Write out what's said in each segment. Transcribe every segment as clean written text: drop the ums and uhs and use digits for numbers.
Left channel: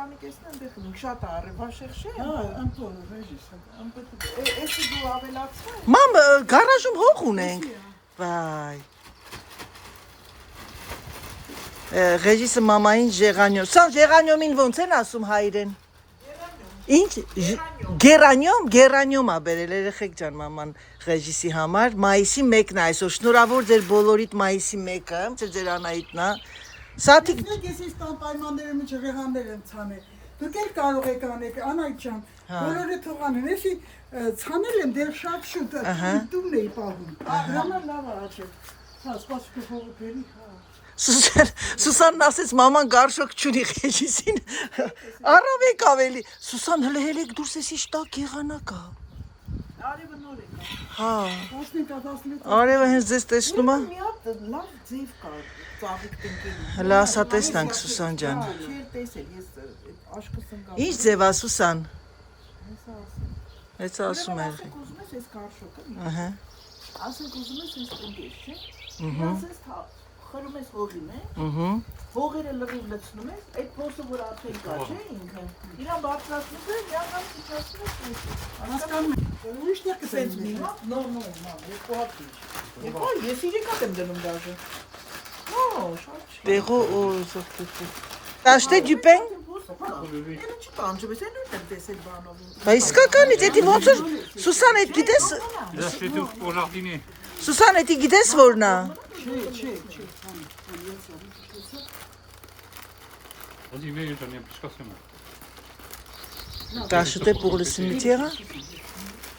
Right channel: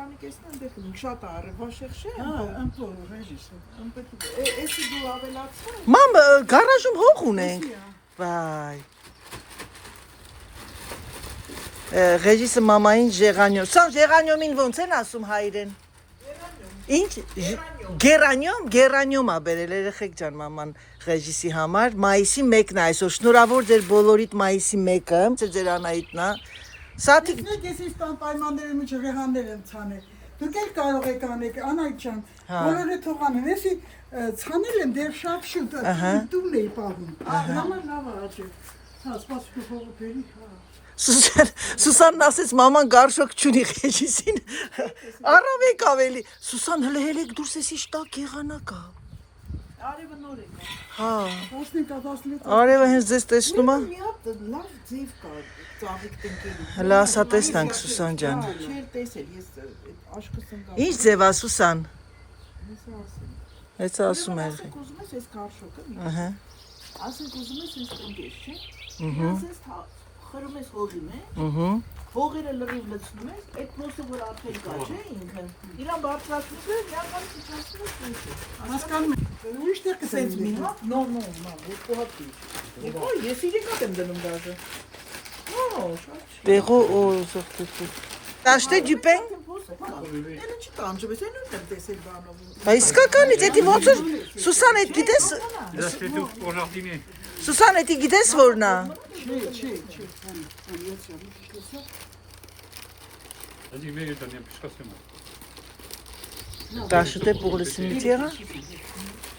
տանիքեսն ընդեղ շատ արևաշեղ չէ։ Հա, ամփոփ, ռեժիս։ Էսի դու ավելացրու։ Մամ, գարաժում հող ունենք։ Վայ։ Ռեժիսը մամային ժեղանյոմ։ Սա ժեղանյոմին ոնց են ասում հայերեն։ Ինչ գերանյոմ ա բերել երեխեք ջան մաման ռեժիսի համար մայիսի 1-ն է այսօր շնորհավոր ձեր բոլորիդ մայիսի 1-ը ձեր Անահիտն է Սաթիկ Ես տան պայմանների մեջ եղաններ եմ ցանել դուք էլ կարող եք անել Անահիտ ջան բոլորը թողանեն էսի ցանել եմ դեռ շատ շուտ տուն էի պահում լավ աչի հա սպասում փողը բերի Սուսանն ասեց մաման գարշոկ չունի ռեժիսին առավեք ավելի Սուսան հələ հելեք դուրս էսի շտակ եղանակ ա Արևը նոր է կա։ Հա 15-16 Արևը հենց ձեզ տեսնում ա Մի հատ լավ ձև կա ծաղիկ տնկելու։ Հələ ասա տեսնանք Սուսան ջան Չէր տեսել, ես այդ աշկս ընկա։ Ինչ ձև ա Սուսան Հեսա Հեսա ասում։ ասում է Ասենք ուզում ես այս կարշոկը։ Ահա Ասենք ուզում ես այս տնկես, չէ։ Ասես խրում ես հողին, է։ Ահա Հողերը լրիվ լցնում ես, այդ փոսը որ արդեն կա, չէ, ինքը։ Իրան բարձրացնում ես, միանգամ ցույցացնում ես փոսը։ հասկանում եք ուրիշտեղ Սենց մի կսենց հատ, նո, երկու հատ ինչ։ Երկու, ես իրիկ եմ դնում դաժե։ Նո, շատ չի։ Տեղո զոխտի Տաշտե դյուպեն એને չտանջում ես, այն ուտեմ տեսել բանով։ Բա իսկականից էդի ոնց որ Սուսան էդ գիտես C'est tout pour jardiner. Սուսան էդի գիտես որն է Չէ Vas-y, vais, j'en ai plus qu'à faire. T'as acheté pour le cimetière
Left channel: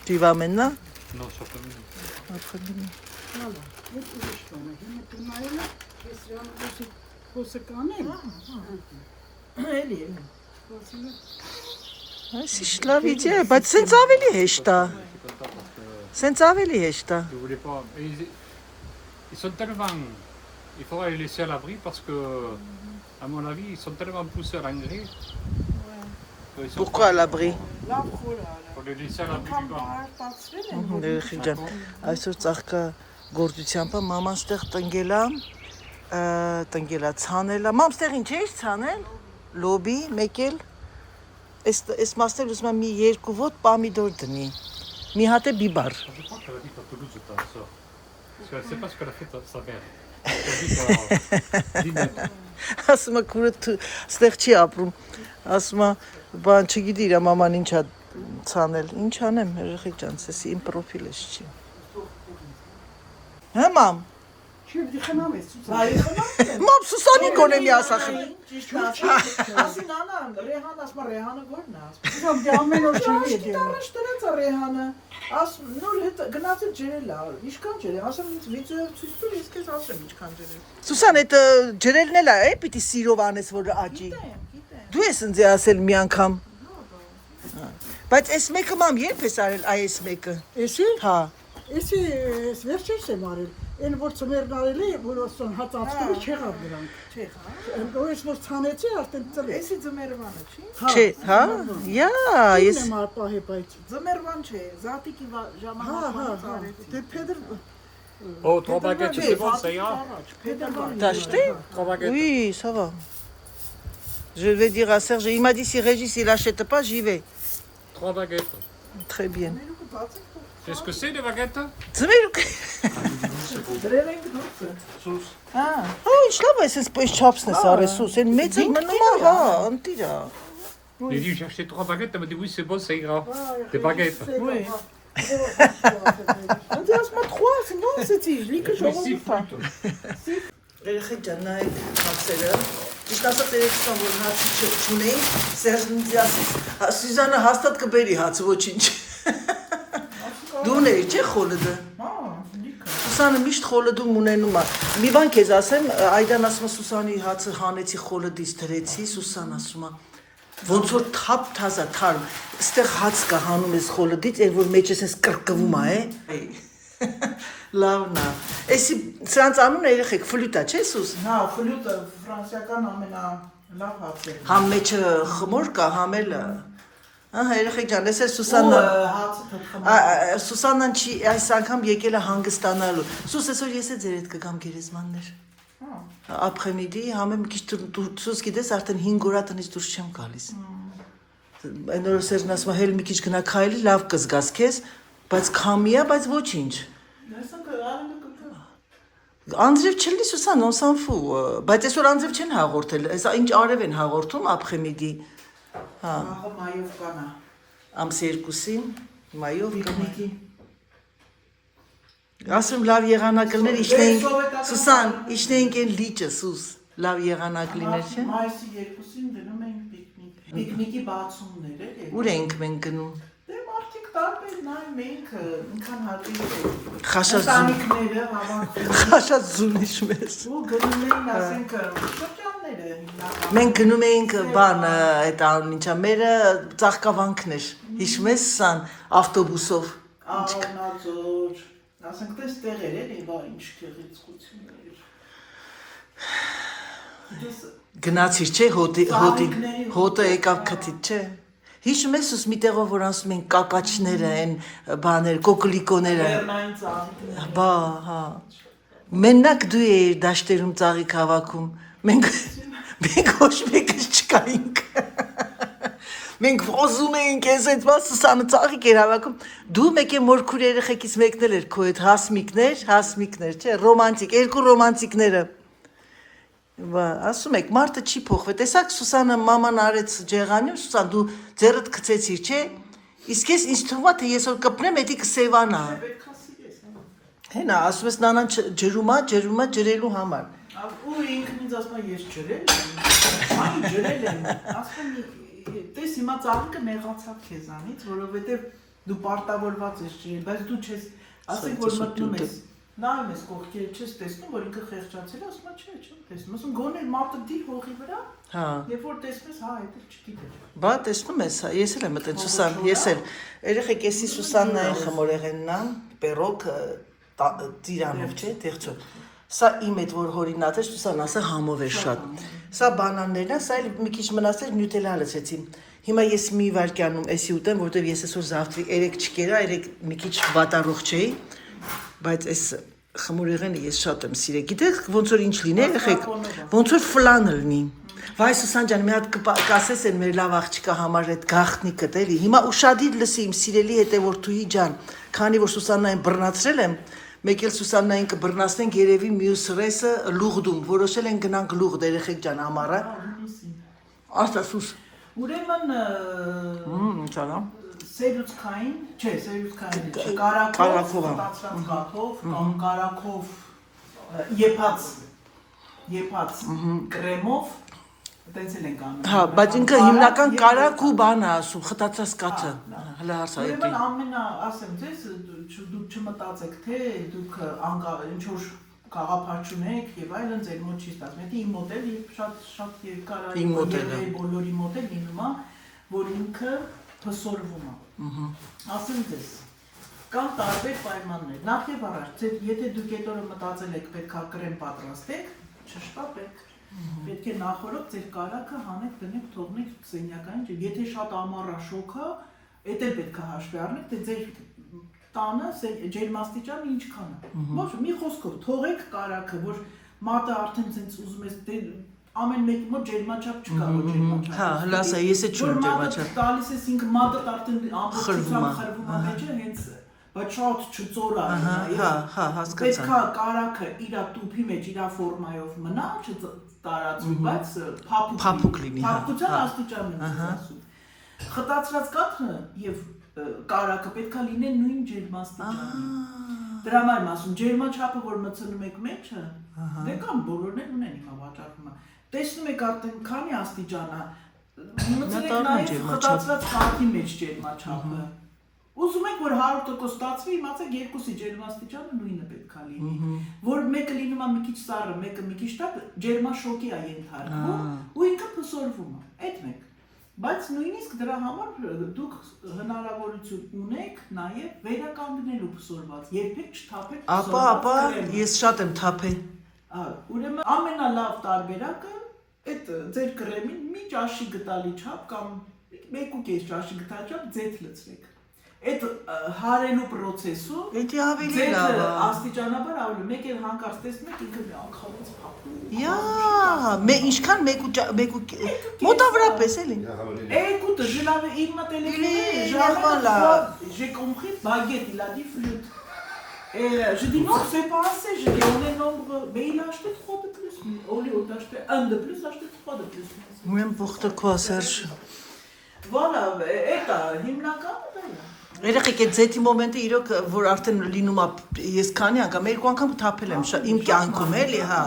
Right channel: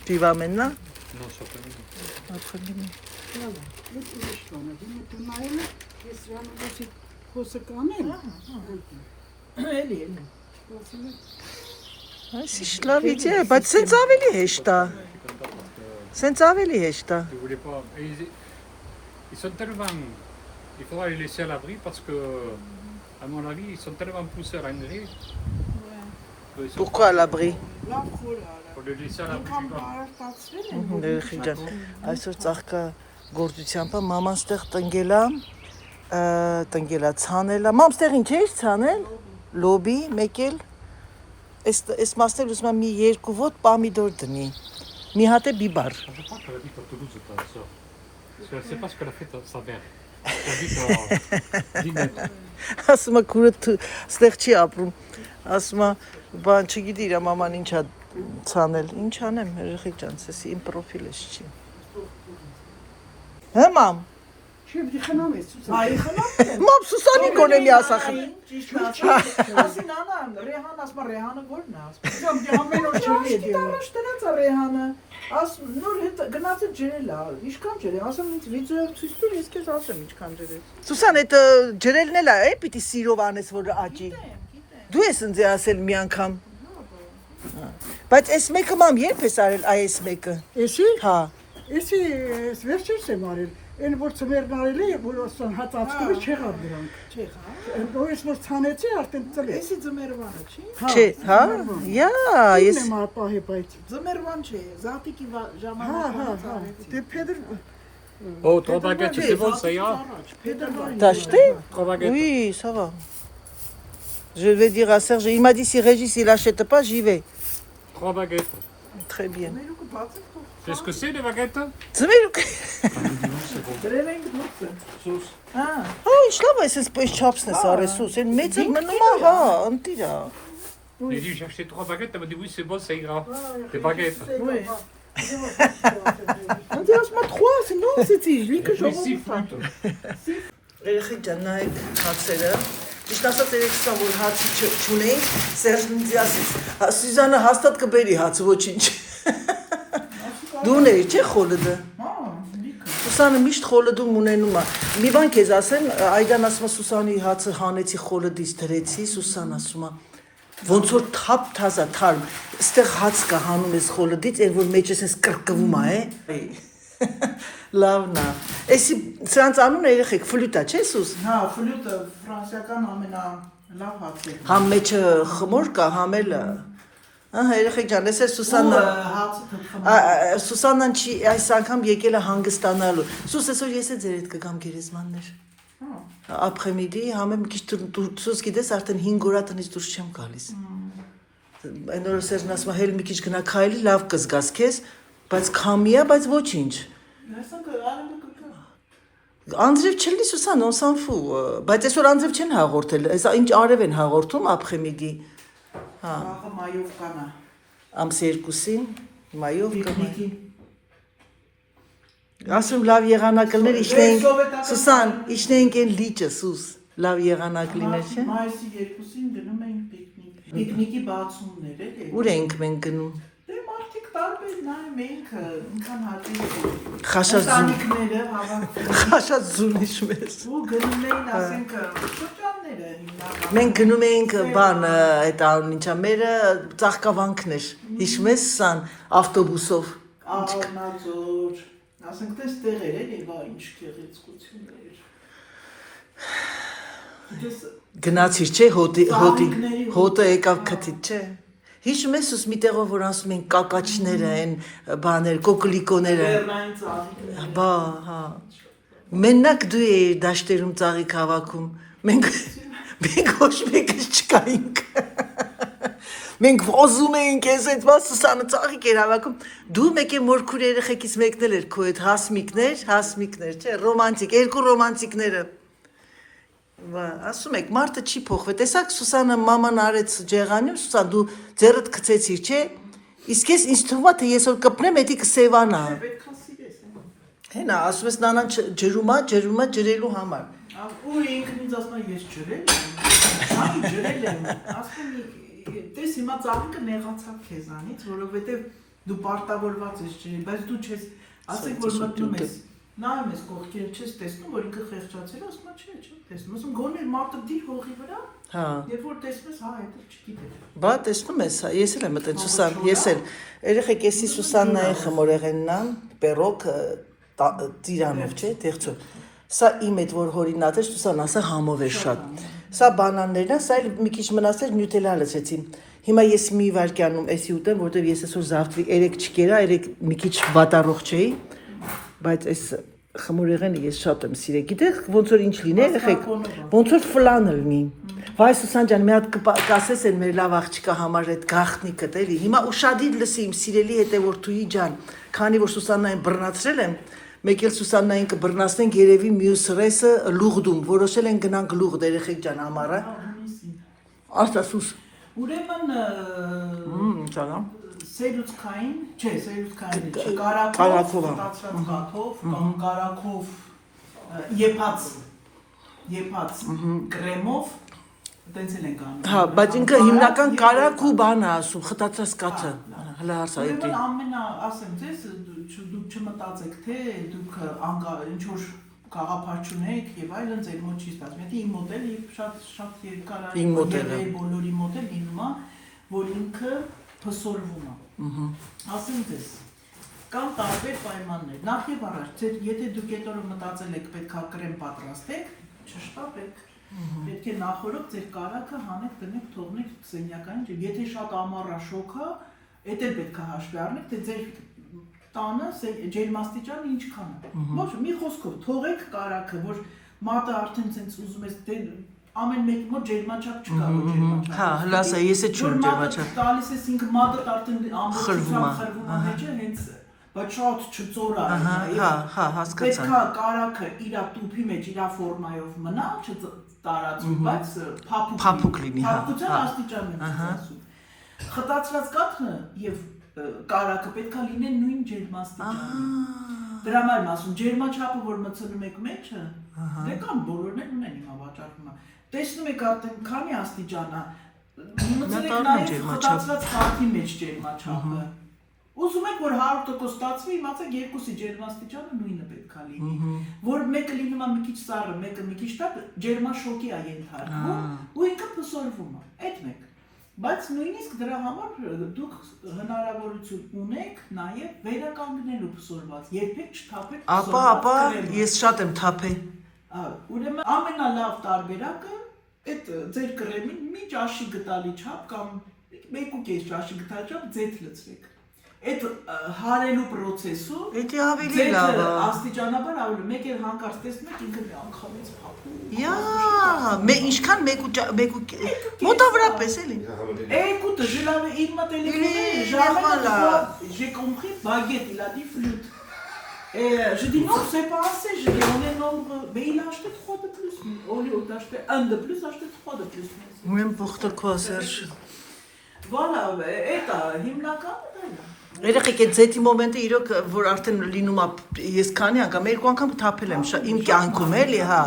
Tu y vas maintenant Non, ça peut pas. Après-demain. Էլի։ Այսի լավ իդեա, բայց սենց ավելի հեշտ է։ Սենց ավելի հեշտ է։ Je voulais pas. Mais ils sont tellement. Il faudra les laisser à l'abri parce que, à mon avis, ils sont tellement poussés à l'engrais. Pourquoi à l'abri Լավ խորը։ Pour les laisser à l'abri Անկամ du vent. բարտացրել են։ Երեխի ջան, այսօր ծաղկա գործությամբ է, մաման ստեղ տնգելա, ցանել է։ Մամ ստեղ ինչ էիր ցանել։ Լոբի, մեկ էլ։ Այս մասել ուզում եմ մի երկու ոտ պամիդոր դնի։ Մի հատ է բիբար։ Je crois qu'elle a dit qu'à Toulouse, quand elle sort. Parce qu'elle ne sait pas ce qu'elle a fait sa mère. Elle a dit qu'à 10 mètres. Ասում է քուրը ստեղ չի ապրում։ Ասում է բան չգիտի իր մաման ինչ է ցանել։ Ինչ անեմ, երեխեք ջան, սես իմ պրոֆիլը չի։ Հա մամ։ Չի դիխնամ ես Այ խնամել։ Մամ Սուսանի գոնեմ ասախ։ Ճիշտ է։ Ասին անա, Ռեհան ասма Ռեհանը ո՞րն է ասում։ Ուրեմն ամեն օր չի դիա Շտերից է Ռեհանը։ Ասում նոր հետ գնացը ջրել է։ Ինչքան ջրել, ասում ինձ վիդեոյով ցույց տուր, ես քեզ ասեմ ինչքան ջրել։ Սուսան այդ ջրելն էլ է, պիտի սիրով անես որ աճի։ Դու ես ինձ ասել մի անգամ։ Բայց այս մեկը մամ երբ ես արել այս մեկը։ Էսի Հա։ էսի վերջերս եմ արել Այն որ ծմերն արել է որ ասան հացածկրի չեղավ դրանք Չէ, հա։ Որից որ ցանեցի արդեն ծլեց Էսի ձմերվանը չի։ Չէ, հա։ Յա, ես Եմ ապահե բայց Ձմերվան չէ, զատիկի ժամանակվանից արեցի։ Դե Փեդր Oh, 3 baguettes, c'est bon, ça ira. T'as acheté 3 baguettes. Oui, ça va. Je vais dire à Serge, il m'a dit si Régis il achète pas, j'y vais. 3 baguettes. Très bien. C'est ce que c'est, les baguettes? Ձմերուկ։ Դրել ենք դուրսը։ Հա, Ինչ լավ է, այսպես պես չափսն է սարեսուս, այն մեծը մնում է, հա, ընտիրա։ J'ai dit, j'ai acheté 3 baguettes, elle m'a dit oui, c'est bon, ça ira. Des baguettes. oui։ Անց ասում 3, non, c'est լիքը Oui, 6 ժողովուրդ է։ fruits. Երեխեք ջան, նայեք հացերը։ Իսկ ասած երեքսան որ հացի չունեի, Սերժն ինձ ասեց, Սյուզանը հաստատ կբերի հացը, ոչինչ։ Դու ունեի, չէ՞ խոլըդը։ Հա, լիքը։ Սուսանը միշտ խոլըդում ունենում է։ Մի բան քեզ ասեմ, Այդան ասում է Սուսանի հացը հանեցի խոլըդից դրեցի, Սուսան ասում է ոնց որ թափ թազա թարմ։ Այստեղ հաց կա հանում ես խոլըդից, այն որ մեջս էս կրկվում է, Լավն է։ Էսի սրանց անունը երեխեք ֆլյուտա, չէ՞ Սուս։ Հա, ֆլյուտը ֆրանսիական ամենալավ հացը։ Համ մեջը խմոր կա, համ էլ Ահա երեխեք ջան, ես Սուսաննա Հացը թխում։ Սուսաննան չի այս անգամ եկել է հանգստանալու։ Սուս այսօր ես է ձեր հետ կգամ գերեզմաններ։ Հա։ Ապխեմիդի համը մի քիչ դուրս գիտես արդեն 5 օր տնից դուրս չեմ գալիս։ Այն օրը Սերժն ասում է հել մի քիչ գնա քայլի, լավ կզգաս քեզ, բայց քամիա, բայց ոչինչ։ Անձրև չլի Սուսան, on s'en fout, բայց այսօր անձրև չեն հաղորդել, այս ինչ արև են հաղորդում ապխեմիդի։ Հա։ Աղը մայով կանա։ Ամսի 2-ին մայով կմայ։ Պիկնիկի։ Ասում լավ եղանակներ իշնեինք, Սուսան, իշնեինք են լիճը, Սուս, լավ եղանակ լիներ, չէ։ Մայիսի 2-ին գնում էին պիկնիկ։ Պիկնիկի բացումներ էլի։ Ուր էինք մենք գնում։ Դե մարդիկ տարբեր նայ մենք ինքան հատիկ Խաշազուն։ ընտանիքները հավաքվում Խաշազուն իշմես։ ու գնում էին ասենք շրջանները հիմնական։ Մենք գնում էինք բան, այդ անուն ինչա, մերը ծաղկավանքներ, հիշում ես Սան, ավտոբուսով։ Աղանածոր, ասենք դες տեղեր էլի, բա ինչ գեղեցկություններ։ Դες Գնացիր, չէ, հոտը եկավ քթից, չէ։ Հիշում ես ուս մի տեղով որ ասում են կակաչները, են բաներ, կոկլիկոները։ Լեռնային ծաղիկները։ Բա, հա։ Մենակ դու էիր դաշտերում ծաղիկ հավաքում։ Մենք ոչ մեկս չկայինք։ Մենք ոզում էինք ես այդ Սուսանը ծաղիկ էր հավաքում։ Դու մեկ է մորքուր երեխեքից մեկն էր քո այդ հասմիկներ, չէ, ռոմանտիկ, երկու ռոմանտիկները։ Բա, ասում եք, մարդը չի փոխվել։ Տեսակ Սուսանը մաման արեց ջեղանյում, Սուսան դու ձեռդ գցեցիր, չէ։ Իսկ ես ինձ թվում է թե ես որ կպնեմ, էդի կսևանա։ Պետքա սիրես, Հենա, ասում ես նանան ջրումա ջրելու համար։ ու ինքն ինձ ասում է ես ջրել եմ։ Այն ջրել եմ։ Ասում եմ, տես հիմա ծաղիկը նեղացավ քեզանից, որովհետև դու պարտավորված ես ջրել, բայց դու չես, ասենք որ մտնում ես, նայում ես կողքերը չես տեսնում, որ ինքը խեղճացել է, ասում է չեմ տեսնում, ասում գոնե մարդը դի հողի վրա, երբ որ տեսնում ես, հա, դա չգիտեր։ Բա տեսնում ես, ես էլ եմ մտել Սուսան, ես էլ։ Երեխեք էսի Սուսաննայի խմորեղեննան, պերոկ ծիրանով, չէ, դեղցով։ Սա իմ այդ որ հորինած էր, Սուսան ասա համով էր շատ։ Սա բանաններն է, սա էլ մի քիչ մնացել նյուտելա լցեցի։ Հիմա ես մի վարկյանում էսի ուտեմ, որտեվ ես այսօր զավթրի 3 չկերա, 3 մի քիչ վատառող չէի, բայց այս խմորեղենը ես շատ եմ սիրել։ Գիտեք ոնց որ ինչ լինի, երեխեք, ոնց որ ֆլանը լինի։ Վայ Սուսան ջան, մի հատ կասես են մեր լավ աղջիկա համար այդ գախտնիկը, էլի։ Հիմա ուշադիր լսի իմ սիրելի հետևորդուհի ջան, քանի որ Սուսաննային բռնացրել եմ, մեկ էլ Սուսաննային կբռնացնենք երևի մյուս ռեսը լուղդում, որոշել են գնանք լուղդ երեխեք ջան համարը։ Ասա Սուս։ Ուրեմն Ճանա։ սերուցքային, չէ, սերուցքային, Կարակով, ստացված հաթով, կամ կարակով եփած կրեմով, տենց էլ ենք անում։ Հա, բայց ինքը հիմնական կարակ ու բան է ասում, խտացած կաթը։ Հələ հարցա էդի։ Ուրեմն ամենա, ասեմ ձեզ, դուք չմտածեք, թե դուք ինչ որ գաղափար չունեք եւ այլն ձեր մոտ չի ստացվում։ Դա իմ մոդել եւ շատ երկար է։ Իմ մոդելը։ Բոլորի մոդել լինում է, որ ինքը փսորվում է։ Ասեմ ձեզ, կան տարբեր պայմաններ։ Նախ եւ առաջ, եթե դուք այդ օրը մտածել եք պետքա կրեմ պատրաստեք, չշտապեք։ Պետք է նախորդ ձեր կարակը հանեք, դնեք, թողնեք սենյակային ջրի։ Եթե շատ ամառա շոկ է, դա էլ պետքա հաշվի առնեք, թե ձեր տանը ջերմաստիճանը ինչքան է։ Ոչ, մի խոսքով թողեք կարակը, որ մատը արդեն ցենց ուզում ես ամեն մեկի մոտ ջերմաչափ չկա, որ ջերմաչափ։ Հա, հլասա, ես էլ չունեմ ջերմաչափ։ Տալիս ես ինքը մատը արդեն ամբողջությամբ խրվում է մեջը, հենց բայց շատ չծոր է։ Հա, հասկացա։ Պետքա կարակը իր տուփի մեջ իր ֆորմայով մնա, չտարածվի, բայց փափուկ լինի։ Փափուկության աստիճանն եմ ասում։ Խտացրած կաթը եւ կարակը պետքա լինեն նույն ջերմաստիճանում։ Դրա համար եմ ասում, ջերմաչափը որ մցնում եք մեջը, դե կամ բոլորն են ունեն հիմա վաճառվում է։ Տեսնում եք արդեն քանի աստիճան է։ Մցնեք նաեւ խտացրած կաթի մեջ ջերմաչափը։ Ուզում եք որ 100% ստացվի, իմացեք երկուսի ջերմաստիճանը նույնը պետքա լինի։ Որ մեկը լինում է մի քիչ սառը, մեկը մի քիչ տաք, ջերմաշոկի է ենթարկվում ու ինքը փսորվում է։ Այդ մեկ։ Բայց նույնիսկ դրա համար դուք հնարավորություն ունեք նաև վերականգնելու փսորված, երբեք չթափեք փսորված։ Ապա ես շատ եմ թափել։ Ուրեմն ամենալավ տարբերակը այդ ձեր կրեմին մի ճաշի գտալի չափ կամ 1.5 ճաշի գտալի չափ ձեթ լցրեք։ այդ հարելու process-ում Էդի ավելի լավ է։ աստիճանաբար ավելի մեկ էլ հանկարծ տեսնում եք ինքը մի անգամից փափում։ Յա, ինչքան մոտավորապես էլի։ Écoute, je l'avais, il m'a téléphoné, j'ai compris, baguette, il a dit flûte. Et je dis non, c'est pas assez, je dis on est nombre, mais il a acheté 3 de plus, au lieu d'acheter 1 de plus, acheté 3 de plus. Ուրեմն փոխտկա Սերժ։ Voilà, это հիմնական Երեխեք այդ ձեթի մոմենտը իրոք որ արդեն լինում է ես քանի անգամ երկու անգամ թափել եմ իմ կյանքում էլի հա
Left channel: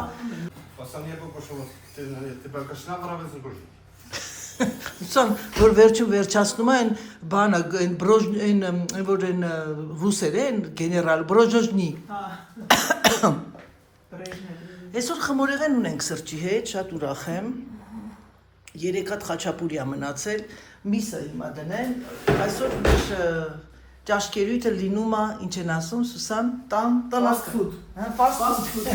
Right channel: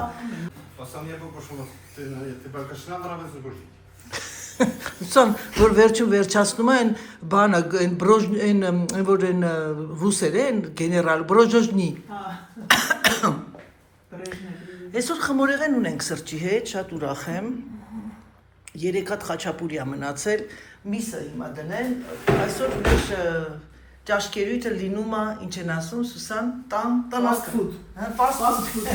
Ուսան որ վերջում վերջացնում է այն բանը այն բրոժ այն որ այն ռուսեր են գեներալ բրոժոժնի Այսօր խմորեղեն ունենք սրճի հետ շատ ուրախ եմ 3 հատ խաչապուրի է մնացել միսը հիմա դնեն այսօր ուրիշ ճաշկերույթը լինում է ինչ են ասում Սուսան fast food. fast food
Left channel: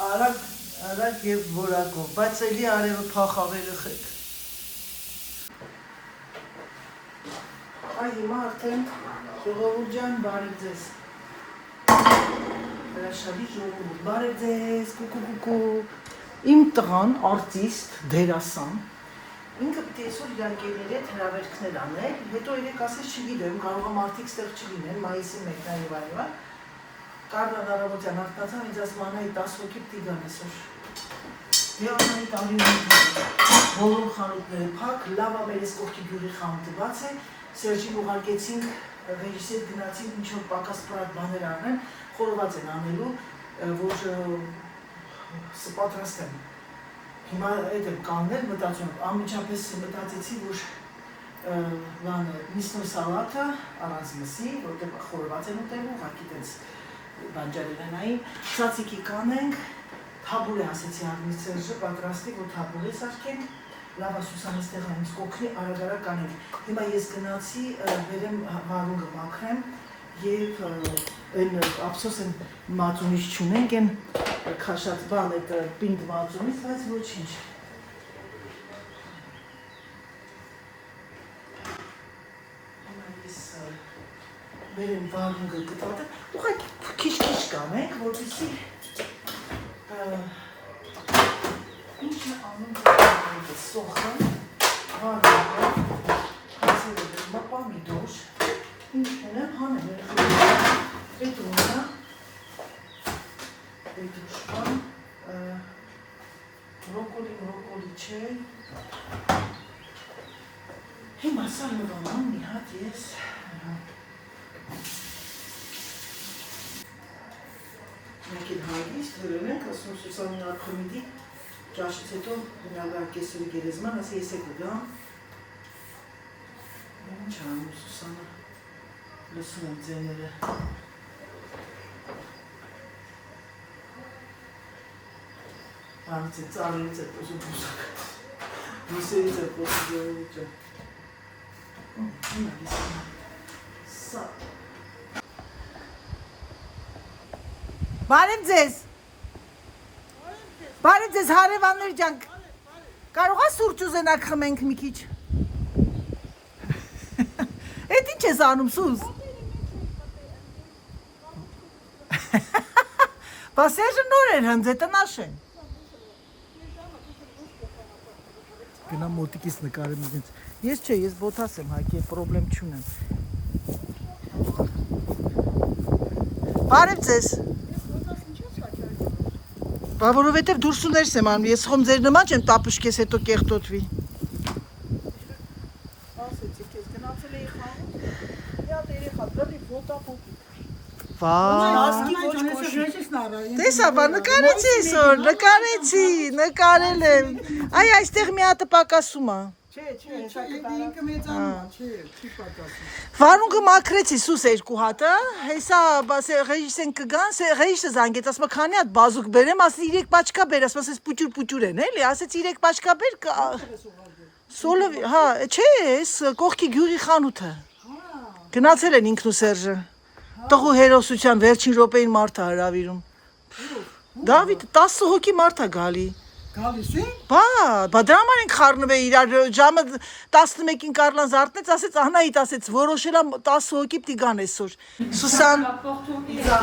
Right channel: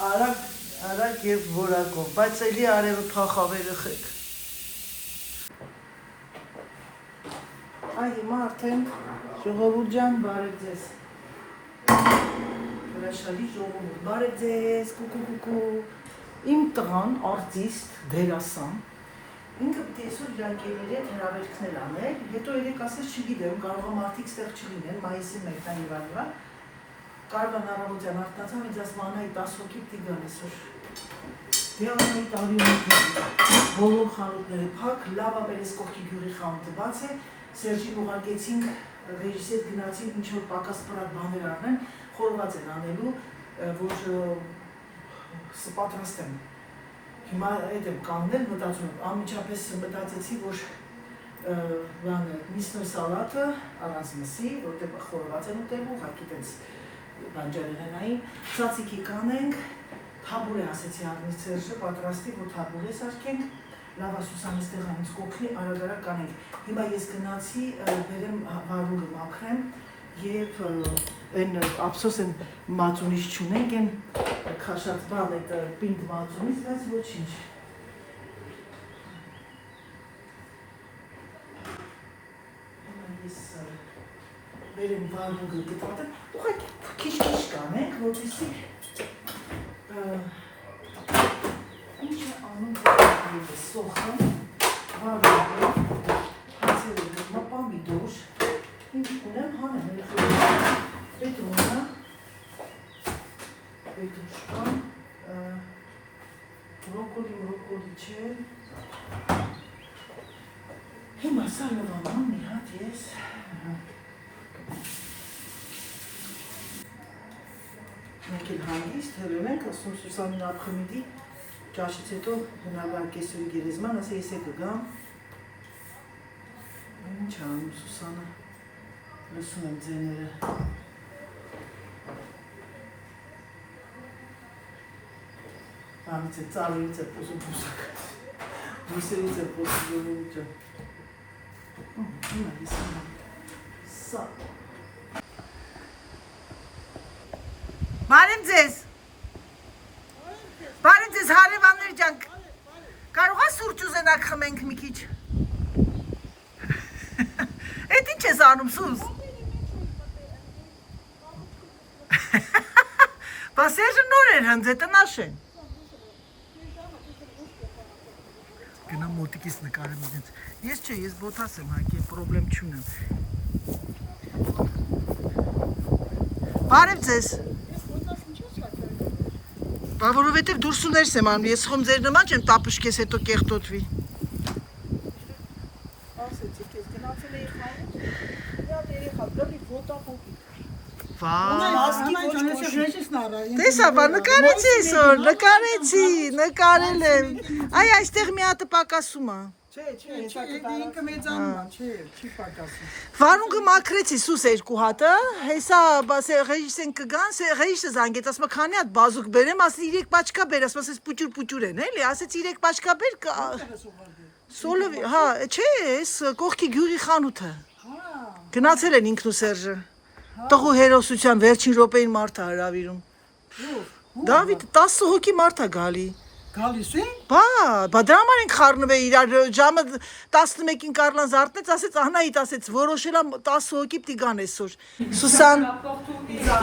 արագ եւ որակով բայց էլի արևը փախավ երեխեք այ հիմա արդեն ժողովուրդ ջան բարև ձեզ հրաշալի ժողովուրդ բարև ձեզ կուկու իմ տղան արտիստ դերասան ինքը պետք է այսօր դանկերների հետ հրավերքներ անել հետո երեք ասես չգիտեմ կարող է մարդիկ ստեղ չլինեն մայիսի 1-ն եւ այլն Կարլան Արամոդյան արտացան ինձ ասում Անայի 10 հոգի պիտի գան այսօր դե Անայի տարի բոլոր խանութները փակ լավ է մեր այս կողքի գյուղի խանութը բաց է Սերժին ուղարկեցինք ռեժիսոր գնացինք ինչ որ պակաս պրակ բաներ առնեն խորոված են անելու որ պատրաստեմ հիմա այդ եմ կանգնել մտածում անմիջապես մտածեցի որ բանը միսնոյ սալատը առանց մսի որտեղ խորոված են ուտելու ուղղակի տենց բանջարեղենային ցածիկի կանենք թաբուրե ասեցի Աղնի Սերժը պատրաստի որ թաբուրե սարքենք լավ Սուսանը ստեղ այնց կոքնի արագ կանենք հիմա ես գնացի բերեմ վարունգը մաքրեմ եւ այն ափսոս են մածունից չունենք այն քաշած բան այդ պինդ մածունից բայց ոչինչ Վերեմ վարունգը գտվատը, ուղղակի քիչ-քիչ կանենք, որպեսզի ինչ է անում սոխը, վարունգը, հացերը դրմա պամիդոր, ինչ ունեմ հանեմ, պետունա, պետուշկան, բրոկոլի չէ, հիմա սալմովանան մի հատ ես, Մենք էլ հանգիստ հրել ենք, ասում Սուսանին Աբխմիդի ճաշից հետո հնալար կեսուրի գերեզման, ասի ես է կգամ Ինչ անում Սուսանը, լսում եմ ձեները Բանից է ծալերից է պոսում բուսակ Բուսերից է պոսում ժողովուրդ ջան Հիմա լիսում եմ Սա Բարև ձեզ հարևաններ ջան Կարող է սուրճ ուզենաք խմենք մի քիչ Էդ ինչ ես անում Սուս Բա Սերժը նոր էր հենց տնաշ են Գնա մոտիկից նկարեմ ինձ Ես չէ ես բոթաս եմ հայկի պրոբլեմ չունեմ Բարև ձեզ Բա որովհետև դուրս ու ներս եմ անում, ես խոմ ձեր նման չեմ տապշկես հետո կեղտոտվի Ասեցի կեզ գնացել էի խանութ, մի հատ երեխա գրի ոտապոտի Տեսա, բա նկարեցի այսօր, նկարել եմ Այ այստեղ մի հատը պակասում է Չէ, ինքը մեծանում է, չի պակասում Վարունգը մաքրեցի Սուս 2 հատը, հեսա ռեժիսեն կգան, ռեժիսը զանգեց, ասма քանի հատ բազուկ բերեմ, ասի 3 պաչկա բեր, ասma ասես պուճուր են, էլի, ասեց 3 պաչկա բեր, Սոլովի, հա, չէ, էս կողքի գյուղի խանութը, գնացել են ինքն ու Սերժը, տղու հերոսության վերջին րոպեին մարդ է հրավիրում, Դավիթ 10 հոգի մարդ է գալի, գալիս են։ Բա դրա համար են խառնվել իրար ժամը 11-ին Կարլան զարթնեց, ասեց Անահիտ ասեց որոշել եմ 10 հոգի պիտի գան այսօր։ Սուսան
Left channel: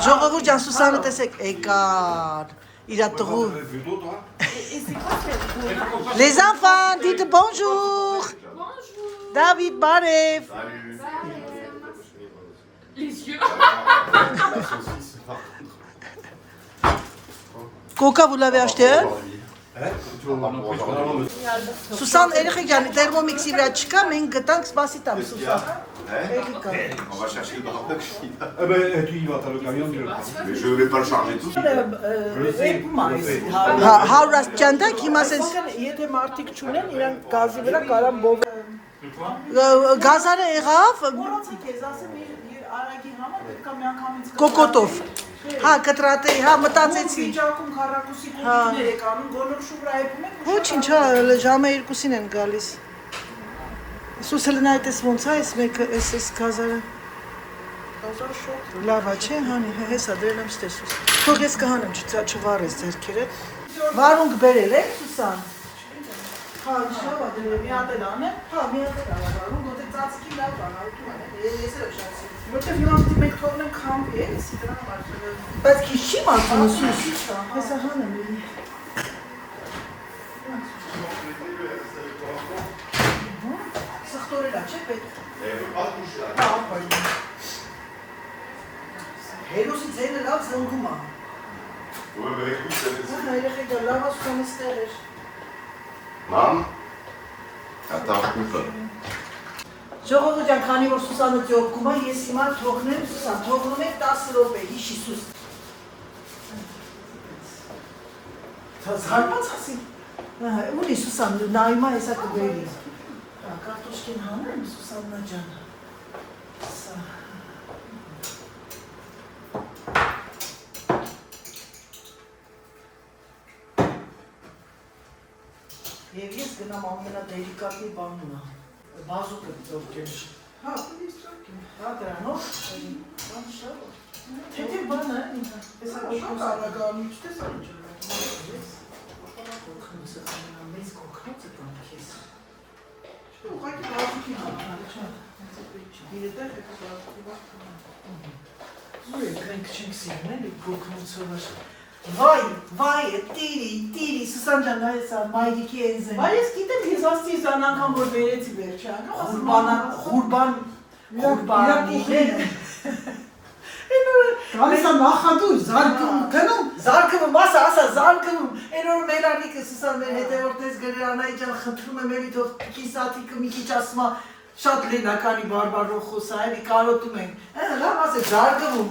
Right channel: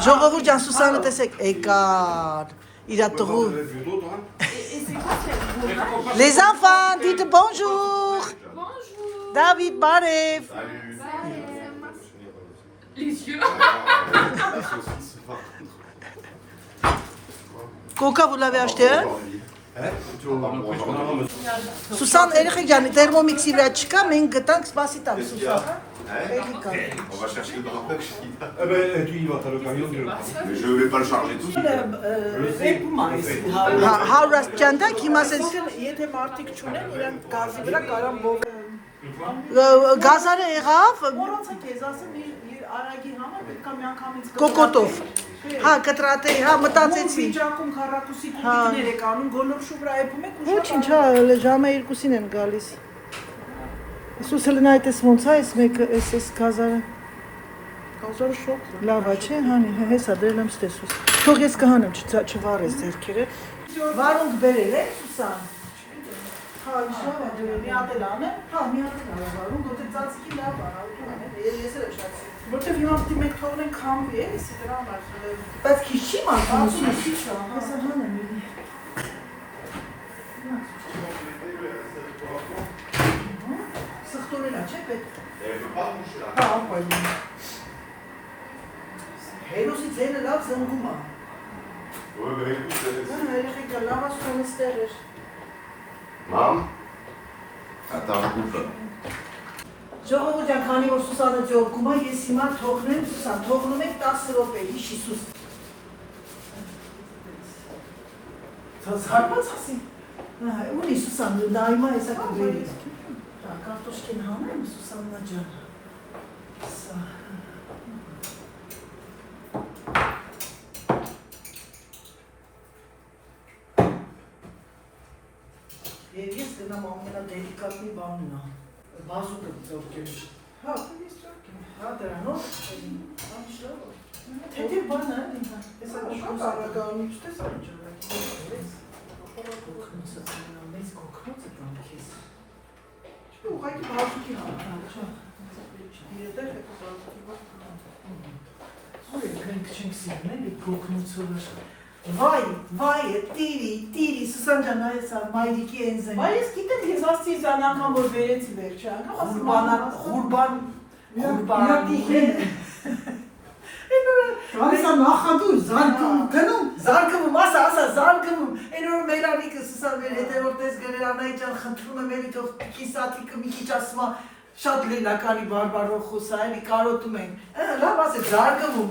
ժողովուրդ ջան Սուսանը տեսեք եկար իրա տղու Les enfants dites bonjour David Barev Coca vous l'avez acheté Սուսան երեխեք ջան, թերմոմիքսի վրա չկա, մենք գտանք սպասի տամ Սուսան։ On va chercher le cordon. Eh ben, tu y vas, t'as le camion, tu le prends. Mais je vais pas le charger tout. Հարուրած ճանդակ հիմա ասես Եթե մարդիկ չունեն, իրանք գազի վրա կարան գազարը եղավ Մոռացեք ես ասեմ իր արագի համար պետք է միանգամից կոկոտով։ Հա, կտրատե, հա, մտածեցի։ Վիճակում քառակուսի փոքրներ եք անում, գոլորշու վրա եփում եք։ Ոչինչ, հա, ժամը 2-ին են գալիս։ Սուս հլնա այդպես ոնց է, այս մեկը, այս գազարը։ Գազարը շոկ։ Լավ է, չէ, հանի, հեսա բերել եմ ստեսուս։ Թող ես կհանեմ, չվարես ձերքերը։ Վարունգ բերել եք, Սուսան։ Հա, լավ է դրել, մի հատ էլ անեմ։ Հա, մի հատ էլ արարում, գոտե ծածկի լավ է, ուտում եմ, ես էլ ուշացի։ Որտեվ հիմա պետք է մենք թողնենք քամվի, էսի դրա համար։ Բայց քիչ չի մաքրում, Քիչ է, հեսա հանեմ։ Սխտորելա, չէ՞ պետք։ Հա, ապայլի։ Հերոսի ձենը լավ զնգում է։ Ouais, bah écoute, Հա, երեխեքը լավ ասում էր։ Maman Attends, écoute. Ժողովուրդ ջան, քանի որ Սուսանը ջողկում է, ես հիմա թողնեմ Սուսան, թողնում եք 10 րոպե, հիշի Սուս։ Զարմաց ասի։ Ահա, ուրի Սուսան, նայմա հեսա կբերի։ Կարտոշկին հանեմ Սուսաննա ջան։ Սա։ Եվ ես գնամ ամենադելիկատի բանն է։ Բազուկը դոկտոր։ Հա, ես ճակեմ։ Հա դրանով։ Թե բան է, հեսա շատ արագանում չտեսան ջան։ Մեծ կոքնոց է տան քեզ։ Ուղղակի բազուկի հանան, չէ։ Դիետեր է բազուկի։ Ո՞ր ենք չենք սիրնել այդ կոքնոցը։ Վայ, տիրի, Սուսան ջան, նայեցա, մայրիկի ենզեն։ Բայց ես գիտեմ, ես ասցի զան անգամ որ վերեցի վերջը անգամ, Ղուրբան։ Գալիս է նախադուր, զարկում, գնում։ Զարկվում, ասա, զարկվում։ Այն որ մեր անիկը Սուսան մեր հետևորդես գրել Անահիտ ջան, խնդրում եմ էլի թող կիսատիկը մի քիչ ասма շատ լենականի բարբարով խոսա, էլի կարոտում ենք։ Լավ ասե, զարկվում,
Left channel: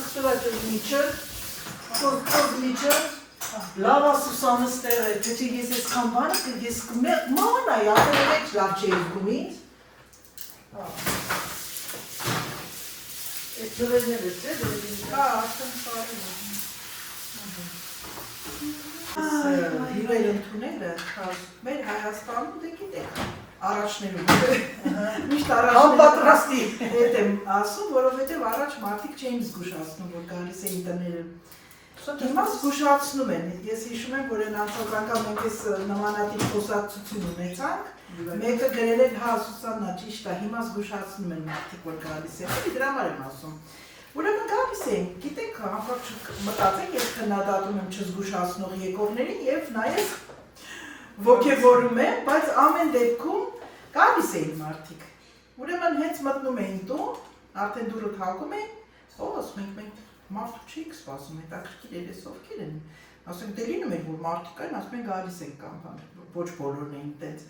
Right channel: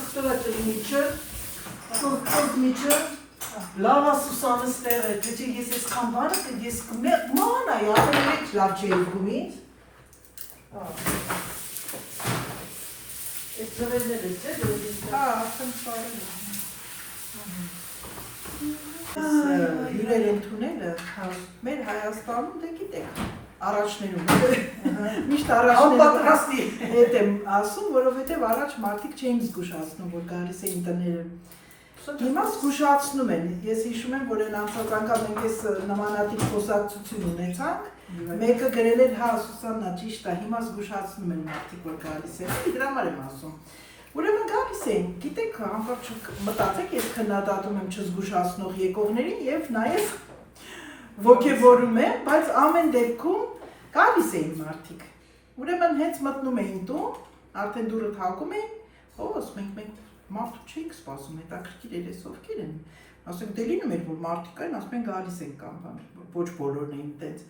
սխտորա միջը, կորկոտ միջը, լավ ասուսանը ստեղ է, թե ես ես խամբանը, ես ման այ, ատել մեջ լավ չէ երկում ինձ։ Այս ձվերներ է, չէ, դրուլիս։ հա, ասեմ սարեմ։ Հյուրեր ընդունելը, Մեր Հայաստանում դե գիտեք, առաջներում, միշտ անպատրաստի հետ եմ ասում, որովհետև առաջ մարդիկ չէին զգուշացնում, որ գալիս էին տները։ Հիմա զգուշացնում են, ես հիշում եմ, որ այն անցած անգամ մենք ես նմանատիպ խոսակցություն ունեցանք, մեկը գրել էր, հա, Սուսաննա, ճիշտ է, հիմա զգուշացնում են մարդիկ, որ գալիս են, դրա համար եմ ասում։ Ուրեմն գալիս են, գիտեք, հանկարծ մտածեք, ես քննադատում եմ չզգուշացնող եկողներին եւ նաեւ ոգևորում եմ, բայց ամեն դեպքում գալիս էին մարդիկ։ Ուրեմն հենց մտնում էին տուն, արդեն դուռը թակում էին, ո՞ս մենք մարդու չենք սպասում, հետաքրքիր էր էս ովքեր են։ Ասենք դե լինում էր որ մարդիկ այն, ասում են գալիս են կամ բան, ոչ բոլորն էին տենց։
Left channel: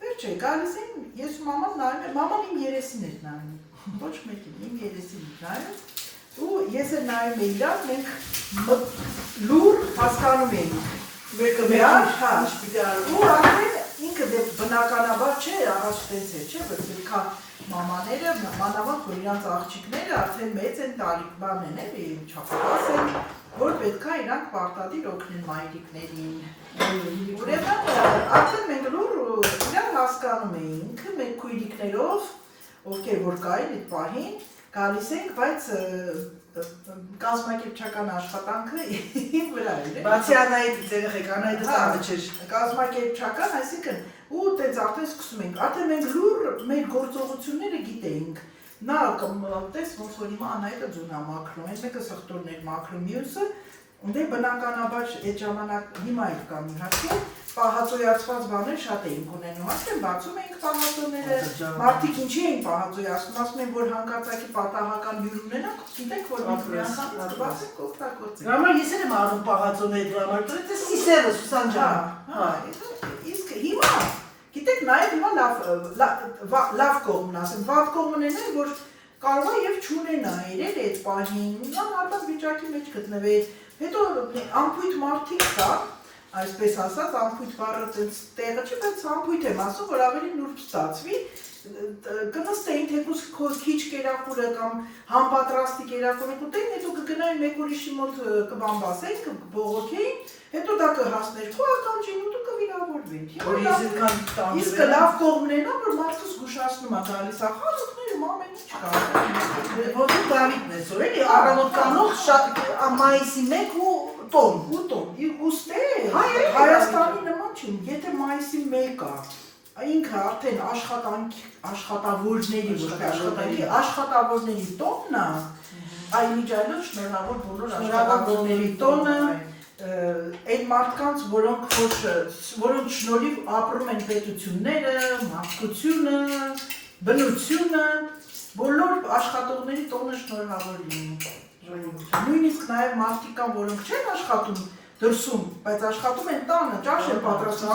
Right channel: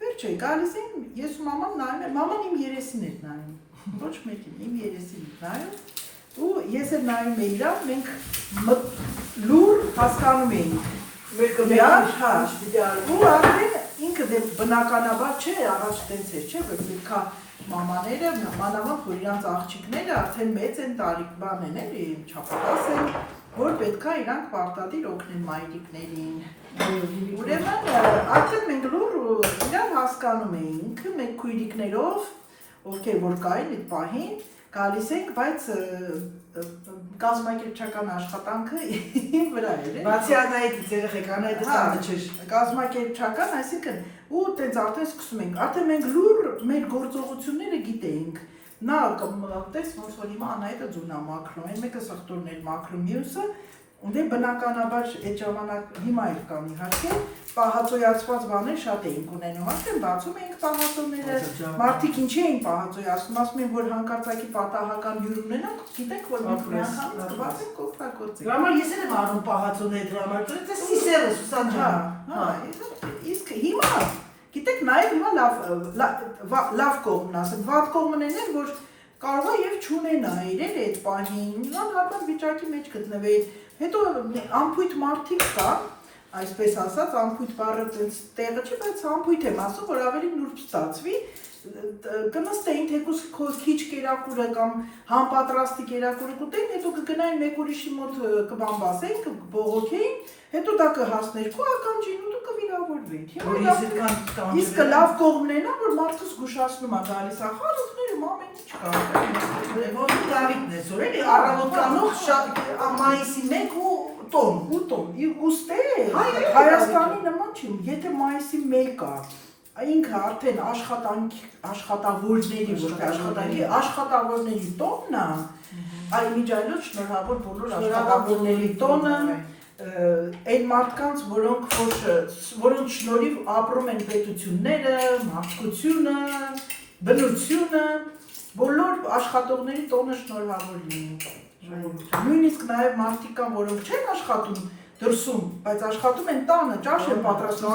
Վերջը գալիս էին, ես ու մաման նայում եմ, մաման իմ երեսին էր նայում։ Ոչ մեկին, իմ երեսին էր նայում։ Ու ես էլ նայում էի իրար, մենք լուր հասկանում էինք։ Մեկը միար, հա, ու արդեն ինքը դե բնականաբար չէ, առաջ տենց էր, չէ, որ պետքա մամաները, մանավանդ որ իրանց աղջիկները արդեն մեծ են տարիքբան են, էլի, չափահաս են, որ պետքա իրանք պարտադիր օգնեն մայրիկներին։ Ուրեմն արդեն մենք լուր իրար հասկանում էինք, մենք քույրիկներով, ովքեր որ կային այդ պահին, գալիս ենք, բայց կազմակերպչական աշխատանքը իմ վրա էր։ Բացի Անահիտից երեխեք, Անահիտը ստանը չէր։ Կազմակերպչական, այսինքն ու տենց արդեն սկսում ենք։ Արդեն մենք լուր մեր գործողությունները գիտեինք։ Նա կմտես ոնց որ հիմա Անահիտը ձուն է մաքրում, այն մեկը սխտորներ մաքրում, մյուսը դե բնականաբար այդ ժամանակ հիմա էլ կան իհարկե պահածոյացված բաներ շատ էինք ունենում, արդեն բացում էինք պահածոները, մարդիկ ինչի էին պահածոյացնում, ասում են, որ հանկարծակի պատահական հյուր ունենանք, գիտենք, որ մի անգամ կբացենք օգտագործենք։ Դրա համար ես էլ եմ առնում պահածոների դրա համար, դու ես սիսերը Սուսան ջան։ Իսկ հիմա գիտեք նաև հիմա լավ կողմն ասեմ, վատ կողմն են որ կարող է եւ չունենա իրեն այդ պահին, նա հատված վիճակի մեջ գտնվեր, հետո ամփույթ մարդիկ կան, այսպես ասած, ամփույթ բառը տեղը չի, բայց ամփույթ եմ ասում, որ ավելի նուրբ ստացվի, կնստեին թեկուզ քիչ կերակուրը կամ համապատրաստի կերակուրը կուտեին, հետո կգնային մեկ ուրիշի մոտ կբամբասեին, կբողոքեին, հետո դա կհասներ քո ականջին ու դու կվիրավորվեին։ Իսկ լավ կողմն է նա, որ մարդը զգուշացնում է գալիս ախարությունները ամեն ինչ կա։ Ոնց Դավիթն է սոր էլի առավոտկանոց շատ մայիսի 1 ու տոն։ Ուստե Հայաստանի նման չի, եթե մայիսի 1 է, ինքը արդեն աշխատավորների, որտեղ աշխատավորների տոնն է, այն միջայլոց շնորհավոր բոլոր աշխատավորների տոնը, այն մարդկանց, որոնց շնորհիվ ապրում են պետությունները, մարդկությունը, բնությունը, բոլոր աշխատողների տոնը շնորհավոր լինի։ Նույնիսկ նաև մարդիկ կան, որոնք չեն աշխատում դրսում, բայց աշխատում են տանը, ճաշ են պատրաստում,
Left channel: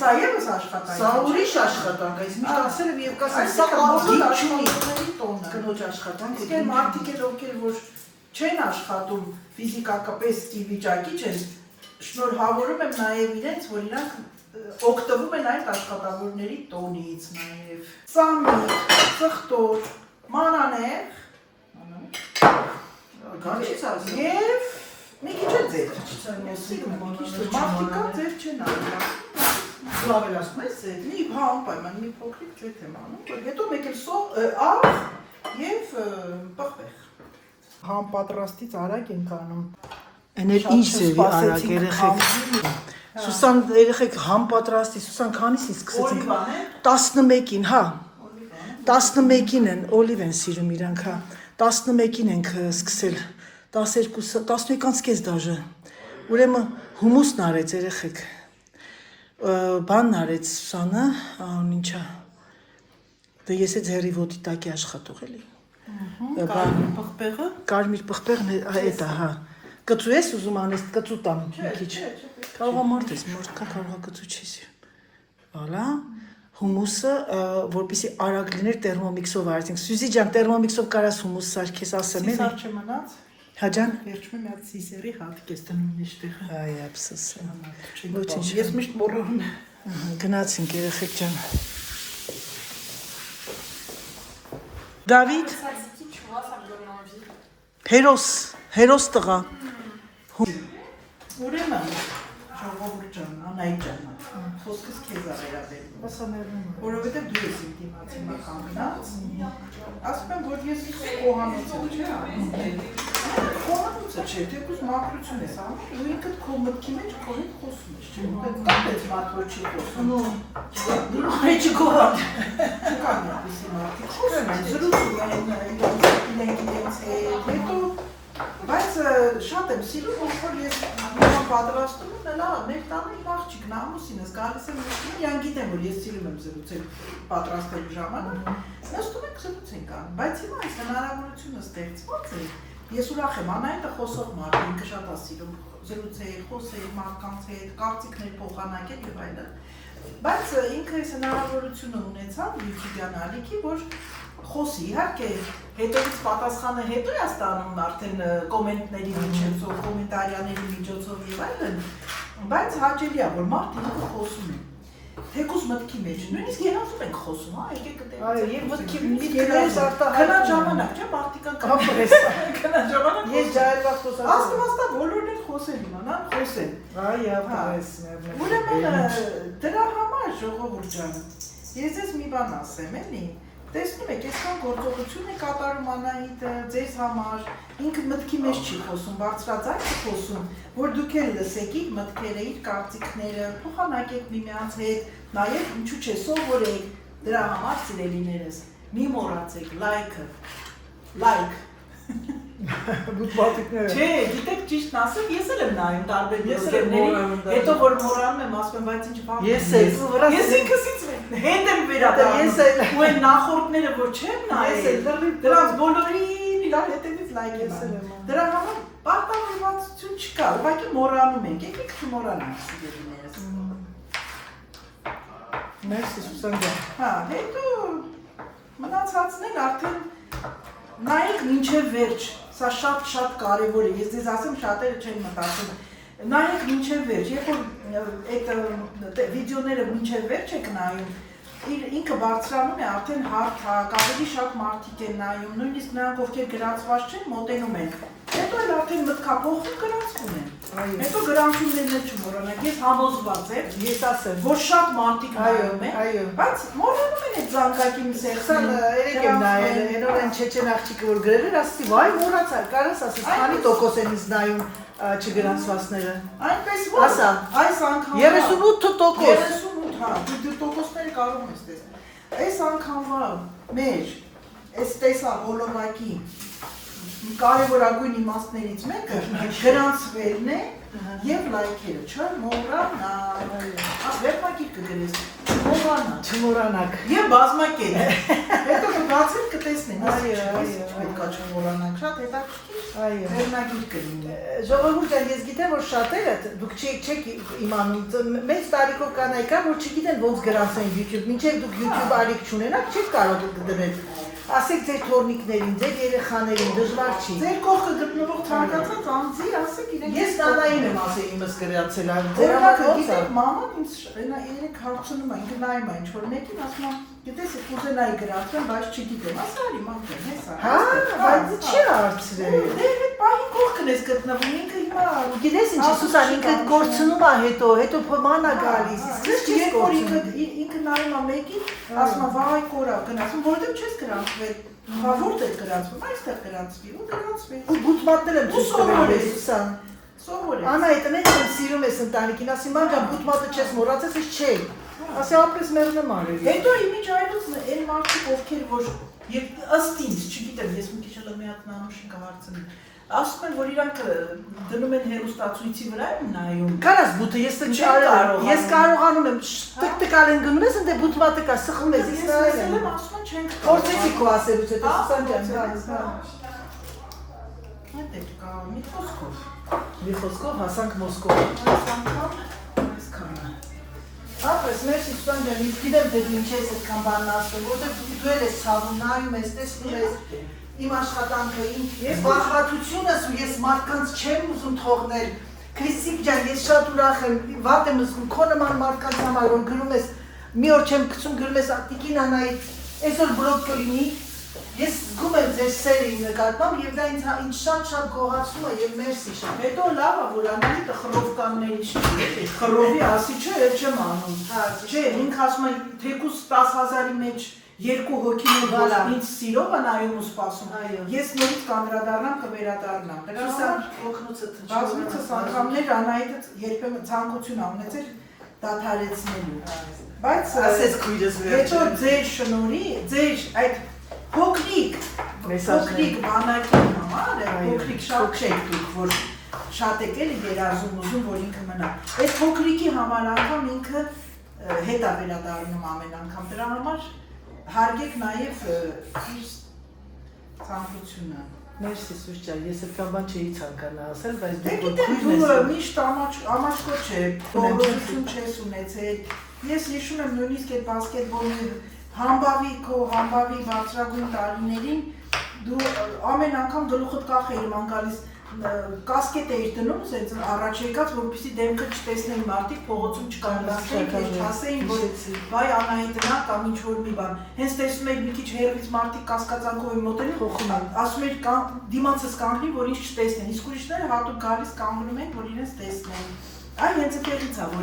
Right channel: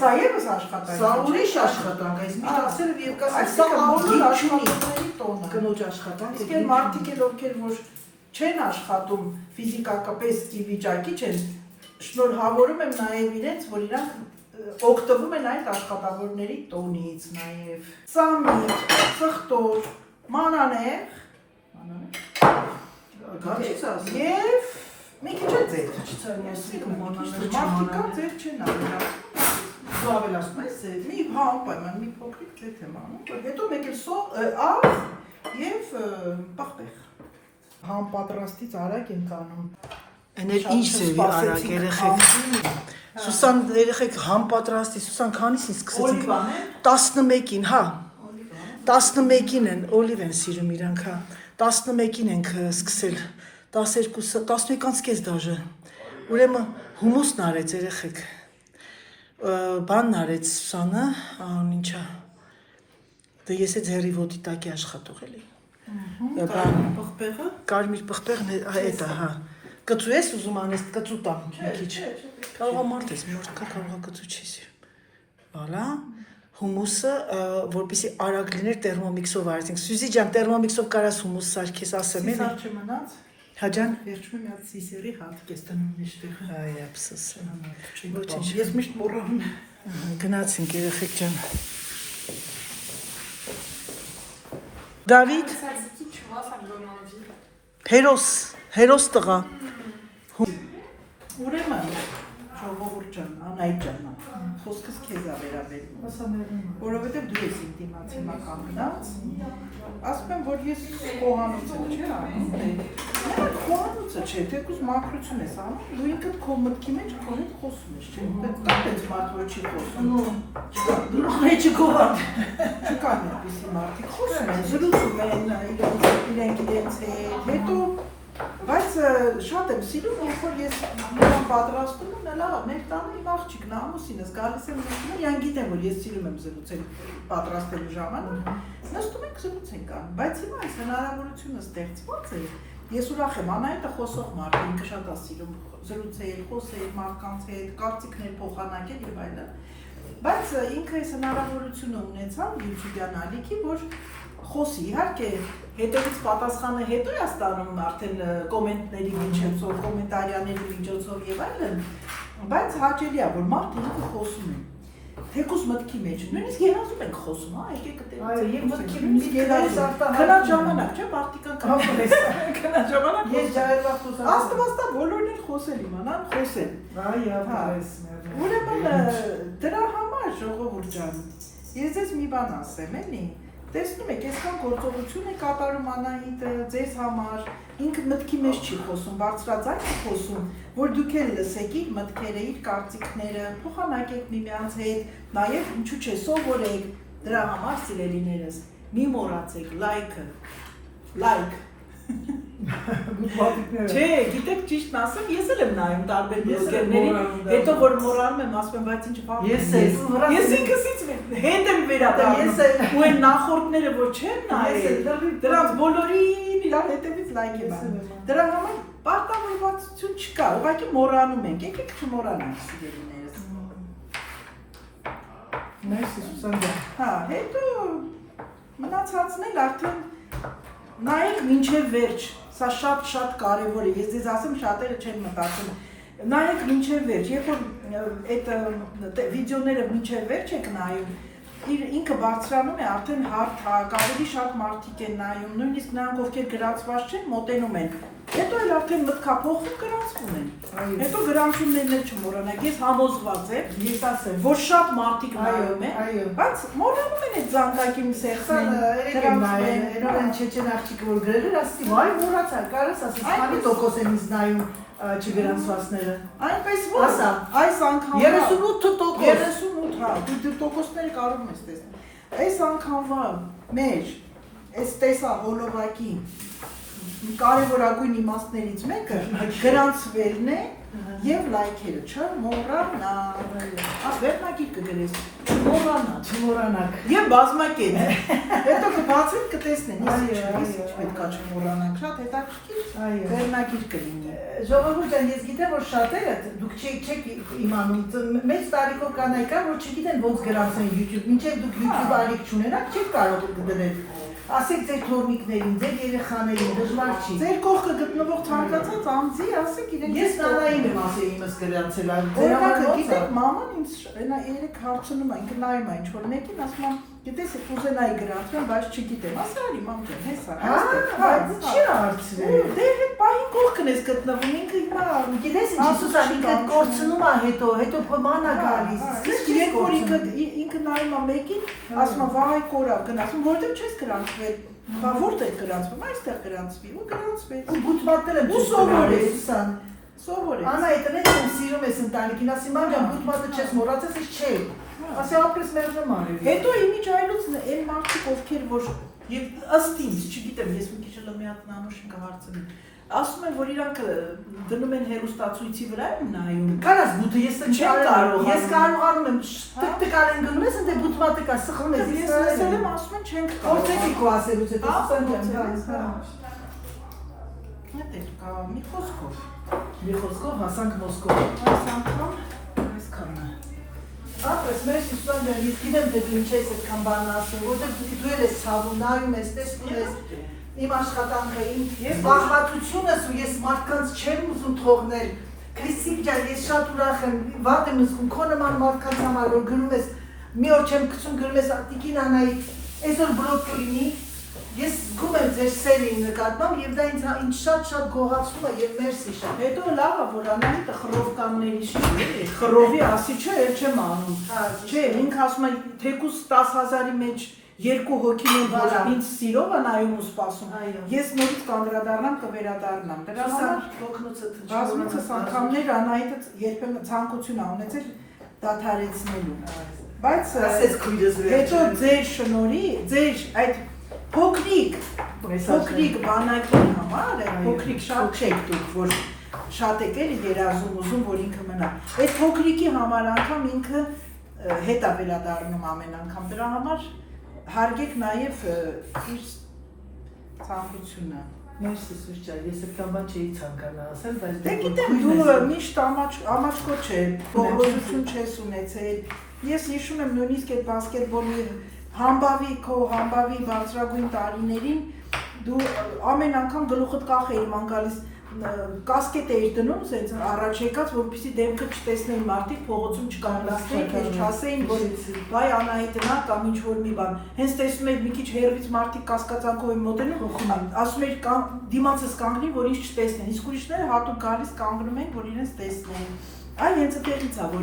սա ևս աշխատանք է։ Սա ուրիշ աշխատանք, այս միշտ ասել եմ եւ կասել, սա բոլոր աշխատողների տոնը։ Կնոջ աշխատանք։ Իսկ այն մարդիկ էլ ովքեր որ չեն աշխատում ֆիզիկապես ի վիճակի չեն, շնորհավորում եմ նաև իրենց, որ իրանք օգտվում են այդ աշխատավորների տոնից նաև։ Սամիտ, սխտոր, մանանեղ, եւ մի քիչ է ձեր, մարդիկա ձեր չեն անում, Դու ավելացնում ես ձեր։ մի պայման, մի փոքրիկ ձեր եմ անում, որ հետո մեկ էլ աղ եւ պղպեղ։ Համապատրաստից արագ ենք անում։ Էներ ինչ ձևի արագ երեխեք։ Սուսան երեխեք համապատրաստի, Սուսան քանիսին սկսեցինք։ 11-ին, հա։ 11-ին են, օլիվ են սիրում իրանք, հա։ 11-ին ենք սկսել, 12-11-ից կես դաժը, ուրեմն հումուսն արեց երեխեք, բանն արեց Սուսանը, ինչա, դե ես է ձերի ոտի տակի աշխատող էլի, կարմիր պղպեղն էտ է, հա, կծու ես ուզում անես, կծու տամ մի քիչ, կարող ամարդ ես, մարդկան կարող է կծու չես, վալա, հումուսը, որպեսի արագ լիներ տերմոմիքսով արեցինք, Սյուզի ջան, տերմոմիքսով կարաս հումուս սարքես ասեմ էլի։ Սիսար չմնաց։ Հա ջան։ Վերջում մի հատ սիսերի հատկ ես տնում մեջտեղ։ Այ ափսոս։ Ոչինչ, ես միշտ մոռանում եմ։ Գնացինք երեխեք ջան։ Դավիթ։ Հերոս տղա։ Ուրեմն, ժողովուրդ ջան, Անահիտ ջան, խոսքս քեզ է վերաբերում, որովհետև դու ես իմ դիմաց հիմա կանգնած, ասում եմ, որ ես խոհանոց եմ, չէ՞ անում, խոհանոցը չէ, թեկուզ մաքրություն ես անում, դու ինքդ քո մտքի մեջ քո հետ խոսում ես, չէ՞, կա տենց մարդ, որ չի խոսում, դու մեջը գովան, չկան այդպիսի մարդիկ, խոսում են, զրուցում են, իրենց հետ, հետո բայց շատ եմ սիրում, որ ես նրան պատրաստում եմ, նա մեր տանը իմ աղջիկն է, ամուսինս, գալիս եմ նստում եմ, յան գիտեմ, որ ես սիրում եմ զրուցել պատրաստելու ժամանակ, նստում ենք զրուցենք ան, բայց հիմա այս հնարավորությունը ստեղծված է, ես ուրախ եմ, Անահիտը խոսող մարդ, ինքը շատ է սիրում զրուցել, խոսել մարդկանց հետ, կարծիքներ փոխանակել եւ այլն, բայց ինքը այս հնարավորությունը ունեցավ YouTube-յան ալիքի, որ խոսի, իհարկե, հետևից պատասխանը հետո է ստանում արդեն կոմենտների միջոցով, կոմենտարիաների միջոցով եւ այլն, բայց հաճելի է, որ մարդ ինքը խոսում է, թեկուզ մտքի մեջ, նույնիսկ երազում ենք խոսում, հա, եկեք դեպի եւ մտքի մեջ երազում, քնած ժամանակ, չէ՞, մարդիկան կապրես, քնած ժամանակ ես ջայլվա խոսում, աստվածա բոլորն են խոսել իմանան, խոսել, ուրեմն դրա համար ժողովուրդ ջան, ես ձեզ մի բան ասեմ, էլի, Տեսնում եք, այսքան գործողություն է կատարում Անահիտը ձեզ համար, ինքը մտքի մեջ չի խոսում, բարձրաձայն է խոսում, որ դուք էլ լսեք իր մտքերը, իր կարծիքները, փոխանակեք միմյանց հետ, նաև ինչու՞ չէ, սովորեք, դրա համար սիրելիներս, մի մոռացեք լայքը, լայք Չէ, գիտեք ճիշտն ասեմ, ես էլ եմ նայում տարբեր բլոգերների, հետո որ մոռանում եմ, ասում եմ, բայց ինչ բան։ Ես ինքսից հետ եմ վերադառնում։ Ու այն նախորդները որ չեմ նայել, դրանց բոլորին իրար հետևից լայք եմ անում։ Դրա համար պարտավորվածություն չկա, ուղղակի մոռանում ենք, եկեք չմոռանանք սիրելիներս։ Մերսի Սուսանա։ Հա, հետո մնացածն էլ արդեն նայեք մինչև վերջ, սա շատ կարևոր է, ես ձեզ ասեմ շատերը չեն մտածում, նայեք մինչև վերջ, երբ որ այդ վիդեոները մինչև վերջ եք նայում, ինքը բարձրանում է արդեն հարթակ, ավելի շատ մարդիկ են նայում, նույնիսկ նրանք ովքեր գրանցված չեն, մոտենում են, հետո էլ արդեն մտքափոխում գրանցվում են, հետո գրանցումներն էլ չմոռանաք, ես համոզված եմ, ես ասեմ, որ շատ մարդիկ նայում են, բայց մոռանում են այդ զանգակին սեղսները, Չեչեն աղջիկը որ գրել էր, ասեցի, վայ մոռացա, կարաս ասես, քանի տոկոս են ինձ նայում չգրանցվածները։ Այնպես որ, այս անգամվա 38%, հա, դու տոկոսները կարող ես տեսնել։ Այս անգամվա մեր, այս տեսա հոլովակի կարևորագույն իմաստներից մեկը գրանցվելն է եւ լայքերը, չմոռանաք։ Վերջնակիր կգրես, չմոռանաք։ Եվ բազմակետ։ Հետո կբացեք կտեսնեն, պետքա չմոռանաք, շատ հետաքրքիր վերջնակիր կլինի։ Ժողովուրդ ջան, ես գիտեմ, որ շատերը դուք չեք իմանում, մեծ տարիքով կանայք կան, որ չգիտեն ոնց գրանցեն YouTube, մինչև դուք YouTube ալիք չունենաք, չեք կարող դնել։ Ասեք ձեր թորնիկներին, ձեր երեխաներին, դժվար չի։ Ձեր կողքը գտնվող ցանկացած անձի, ասեք իրեն։ Ես նանային եմ ասել իմս գրացել այն։ Օրինակը գիտեք, մաման ինձ երեք հարցնում է, ինքը նայում է ինչ-որ մեկին, ասում է, գիտես, կուզենայի գրանցեմ, բայց չգիտեմ, ասա արի մամ ջան, հեսա, բայց չի հարցրել։ Դե այդ պահին կողքն ես գտնվում, ինքը հիմա գիտես ինչ Սուսան, ինքը կորցնում է հետո փոման է գալիս։ Երբ որ ինքը նայում է մեկին, ասում է, վայ կորա, գնացում, որտեղ չես գրանցվել, բա որտեղ գրանցվում, այստեղ գրանցվի, ու գրանցվեց։ Ու բուտմատներ եմ Ու սովորես, Սուսան։ Սովորես։ Անահիտն էլ սիրում ես ընտանիքին, ասի մամ ջան բուտմատը չես մոռացած, ես չէի։ Ասի ապրես մերժեմ արել։ Հետո իմիջ այլուց այն մարդիկ ովքեր որ ըստ ինձ, չգիտեմ, ես մի քիչ էլ մի հատ նանոշին կհարցնեմ։ Ասում են, որ իրանք դնում են հերոստացույցի վրա են նայում։ Կարաս բութը ես չեմ կարող։ Ես կարողանում եմ տկտկալ են գնում ես, ընդ բուտմատը կա սխում ես։ Ես ասել եմ, ասում են չենք կարող։ Որտե՞ղ քո ասելուց հետո Սուսան ջան։ Այդ է կա մի խոսքով։ Մի խոսքով հասանք Մոսկովա։ Այս անգամ այսքան է։ Ապրես մերսի Սուսան ջան, ես գիտեմ թե դու ինչ ես այդքան բան ասում, որտեղ դու էլ ես ցավում, նայում ես, տեսնում ես իմ աշխատանքը, ես բաղվածությունս ու ես մարդկանց չեմ ուզում թողնել։ Քրիստիկ ջան, ես շատ ուրախ եմ, վատ եմ զգում, քո նման մարդկանց համար որ գրում ես, մի օր չեմ գցում գրում ես Տիկին Անահիտ, այսօր բլոգ կլինի, ես զգում եմ ձեր սերի նկատմամբ եւ դա ինձ շատ գողացնում է եւ մերսի շատ։ Հետո լավ է, որ Անահիտը խռովկանների չի, խռովի ասի չէ, այդ չեմ անում։ Չէ, ինքը ասում է, թեկուզ 10,000-ի մեջ երկու հոգին են, որ ինձ սիրով է նայում ու սպասում։ Ես նորից կանդրադառնամ, կվերադառնամ։ Դրա համար բազմիցս անգամներ Անահիտը երբեմն ցանկություն ա ունեցել դադարեցնելու։ Բայց ասես քույրս հետո ձեր շնորհի, ձեր այդ փոքրիկ բանակի համար, փոքրիկ շատ չեք դուք, որ շատ եք էլի երազում ուզում, որ ինքը մնա։ Այդ փոքրիկի համար անգամ ինքը հետ է վերադառնում ամեն անգամ։ Դրա համար հարգեք նաև իր ցանկությունը։ Մերսի Սուս ջան, ես այդքան բան չէի ցանկանա ասել, բայց Դե գիտեմ, դու միշտ ամաչկոտ չէ, բողոքություն չես ունեցել։ Ես հիշում եմ նույնիսկ այդ բասկետբոլի համբավի բարձրագույն տարիներին դու ամեն անգամ գլուխդ կախ էիր ման գալիս կասկետ էիր դնում, սենց առաջ եկած, որպեսզի դեմքը չտեսնեին մարդիկ, փողոցում չկանգնացնեին, քեզ չասեին, որ վայ Անահիտն ա կամ ինչ-որ մի բան։ Հենց տեսնում եք մի քիչ հերվից մարդիկ կասկածանքով են մոտենում, ասում եք դիմացս կանգնի, որ ինձ չտեսնեն, իսկ ուրիշները հատուկ գալիս կանգնում են, որ իրենց տեսնեն։ Այ հենց այդտեղից է, որ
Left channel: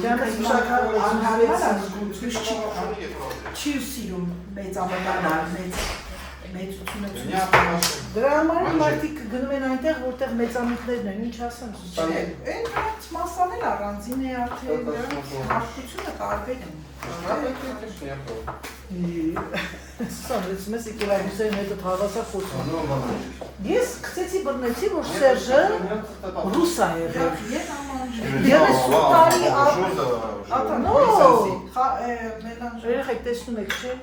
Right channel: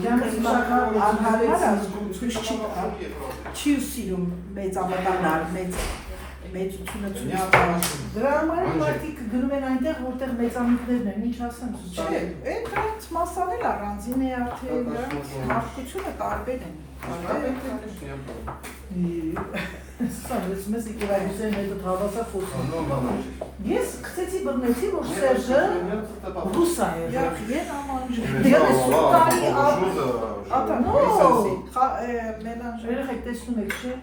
անհարմար է, ցույց չի սիրում մեծ ամբողջանալ, մեծությունը ցույց տալ։ Դրա համար մարդիկ գնում են այնտեղ, որտեղ մեծամիքներն են, ինչ ասեմ, չէ, այնքանից մասալ էլ առանձին է, թե նրանց մարդկությունը տարբեր են։ Սարից մեզ եկելավուսային հետը թավասա խոսում։ Ես կծեցի բրնեցի, որ Սերժը ռուսա է, են ամանջի։ Ես սուտանի երեխեք տեսնում եք չէ,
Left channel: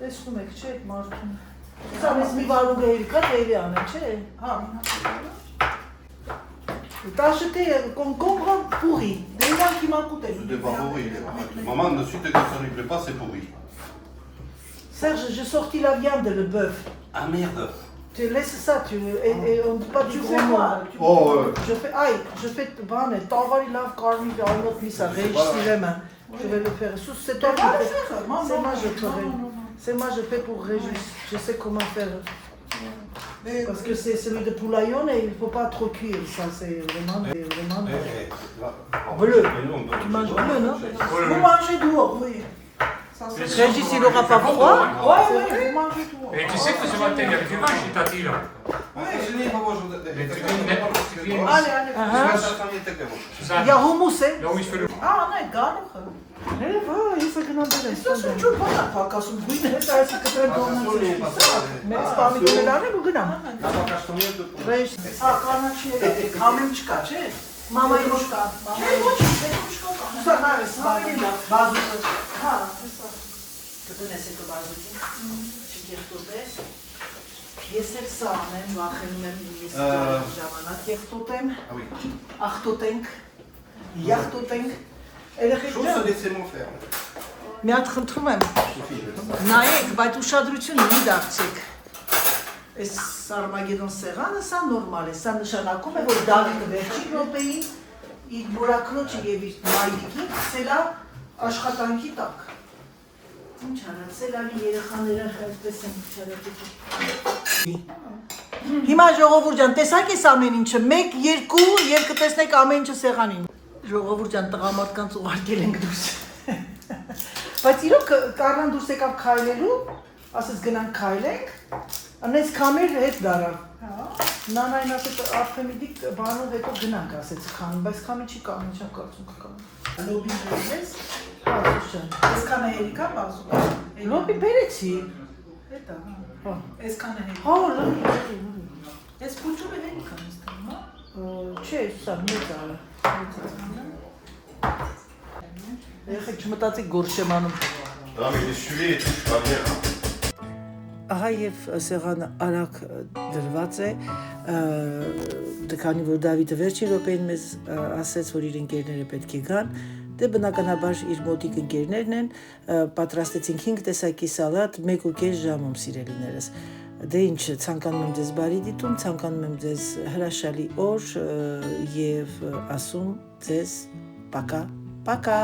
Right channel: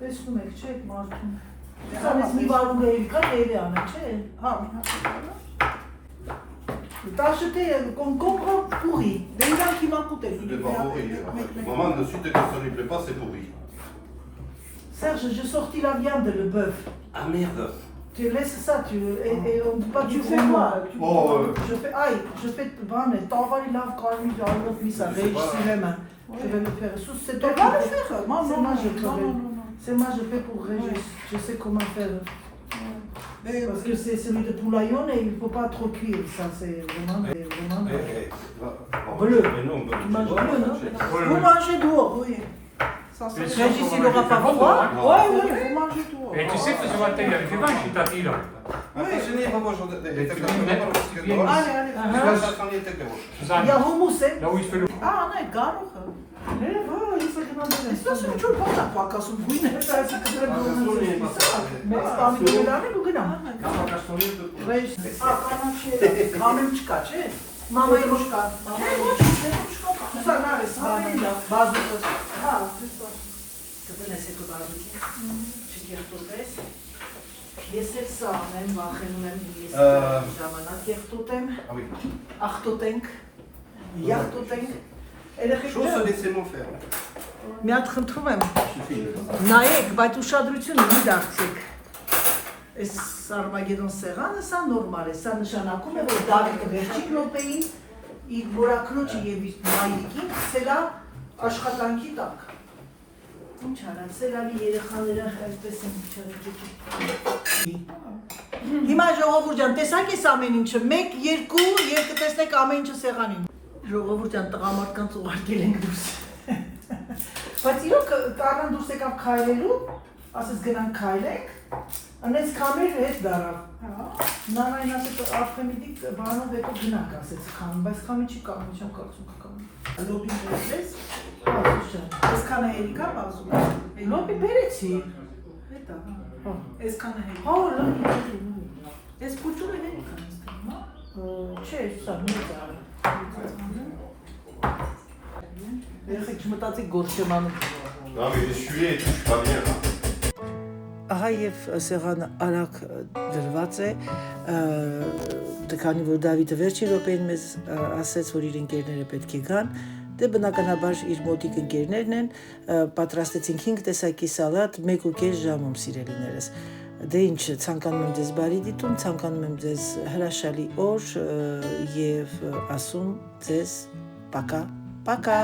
տեսնում եք չէ այդ մարդուն։ Սամես մի վարում էիր կա, էրի անը չէ, հա, T'as acheté concombre pourri. Des gens qui m'ont coûté. C'était pas pourri. Maman, de suite, quand ça lui plaît pas, c'est pourri. Serge, j'ai sorti la viande, le bœuf. Ah merde. Tu laisses ça, et on ne dit pas du fais quoi. Je fais, aïe, je fais banne, t'envoies une lave carmi, ça réussir même. Je vais le faire. C'est toi qui le faire. Moi, c'est moi, je fais pour Régis. Je sais comment faire. Parce que c'est celui de poulaillon et il ne faut pas trop cuire, ça c'est vraiment bleu. Tu manges bleu, non? Vous mangez dehors, oui. Régis, il aura pas froid. Oui, vous mangez dehors. Et tu sais que ce matin, il y avait du vin chez Tati là. Allez. Là Il y a hummus, hein? où il se fait le. Ah, non, gare. Isso sunt ciudat la fac ca sunt bine, dar să către domnul. Mergi ca mine de la mine, gânam. Vrei să am mișcat, ce? Mama e mișcat. Mama e mișcat. Nu are să bani, bază. Ha, asta. Că tănese cu bază. Și te vorbesc. Este examen, la xenem, este ժամանակ եղտոտեմ, ախտոտենք, եղտոտենք, Մի հատ խնդրում եմ, նայեք, բայց ուշադրություն մի դարձեք։ Այս Արմագեդոն սեղանը սա նորմալ է, սա նշանակում է, որ Դավիթը վերջին րոպեին իր մորաքնոջը եւ իր մայրիկին ցել է աշխատանքի տակ։ Ինչ արա, ցելավի երեխաները այդպես են չարաճի։ Հիմա ժողովուրդ ջան, տեսակ էս ամեն ինչը, 1, 2, երկու տեսնեք ամեն ինչը սեղանին։ Ժողովուրդ ջան, տղամարդկանց ուղարկել ենք դուրս։ Բայց իրոք կարան դուրս եկավ քայլելու, ասես գնանք քայլենք, անես կամեր հետ դարավ։ Նարայն ասեց Արթեմիդիկ բանով հետո գնանք ասեց քամին, բայց քամին չի կամին, չեմ կարծում կկամին։ Լոբին բերես, այսքան է հերիկա բազում։ Լոբին բերեցի։ Հետա, այսքան է հերիկա։ Հա, լոբին։ Այս փուչում է հերիկա նստում, հա։ Չէ, սա մի դարը։ Երեխեք չմտածեք գործ չեմ անում։ Non mais j'ai sué et tout, je suis pas bien là. Ահա եւ սեղանը արագ դրված է, քանի որ Դավիթը վերջին րոպեին մեզ ասեց, որ իր ընկերները պետք է գան, դե բնականաբար իր մոտիկ ընկերներն են, պատրաստեցինք 5 տեսակի սալատ 1.5 ժամում, սիրելիներս։ Դե ինչ, ցանկանում եմ ձեզ բարի դիտում, ցանկանում եմ ձեզ հրաշալի օր եւ ասում ձեզ պակա, պակա։